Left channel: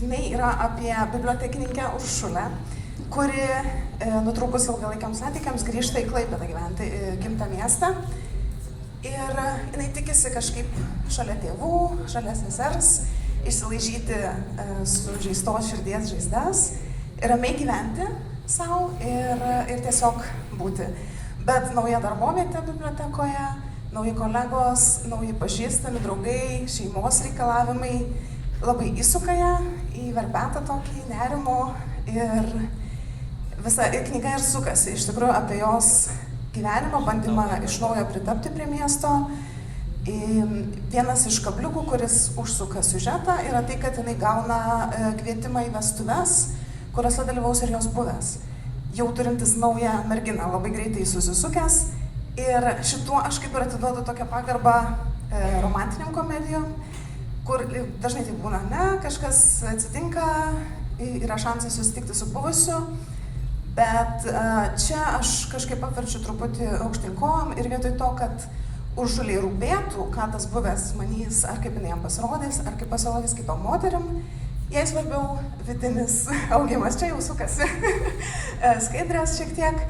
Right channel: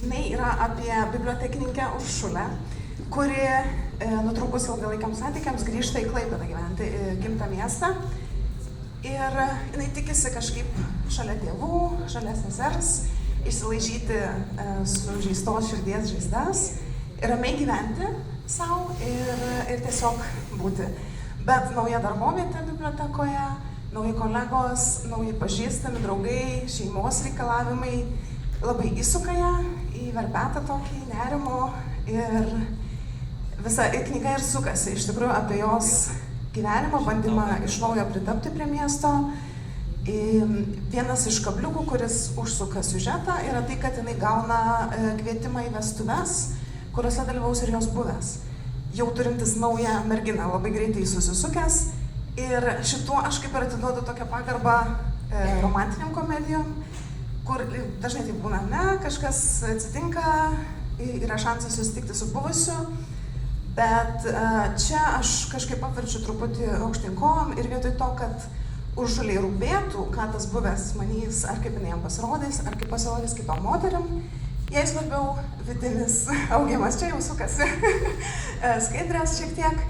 Jinai yra apie bibliotekininkę Uršulę, kuri nutrūkus ilgalaikiams santykiams grįžta į Klaipėdą gyventi, į gimtą miestą. Ir jinai tikisi kažkaip šalia tėvų, šalia sesers, išsilaižyti sužeistos širdies žaizdas, ramiai gyventi savo ir tiesiog būti. Bet nauja darbovietė bibliotekoje, nauji kolegos, nauji pažįstami, draugai, šeimos reikalavimai labai įsuka ją į verpetą tokį nerimo ir visa knyga ir sukasi iš tikrųjų apie jos gyvenimą, bandymą iš naujo pritapti prie miesto. Vienas iš kabliukų, kuris užsuka siužetą, yra tai, kad jinai gauna kvietimą į vestuves, kuriuose dalyvaus ir jos buvęs. Jau turintis naują merginą, labai greitai susisukęs. Ir šituo aš kaip ir atiduodu tokią pagarbą romantiniam komedijom, kur dažnai tai būna, kažkas atsitinka, yra šansas susitikti su buvusiu, bet čia aš kažkaip apverčiu truputį aukštyn kojom ir vietoj to, kad Uršuliai rūpėtų, ką tas buvęs manys, ar kaip jinai jam pasirodys, ar kaip pasirodys kitom moterim, jai svarbiau vidinis augimas, čia jau sukasi skaidrės šiek tiek.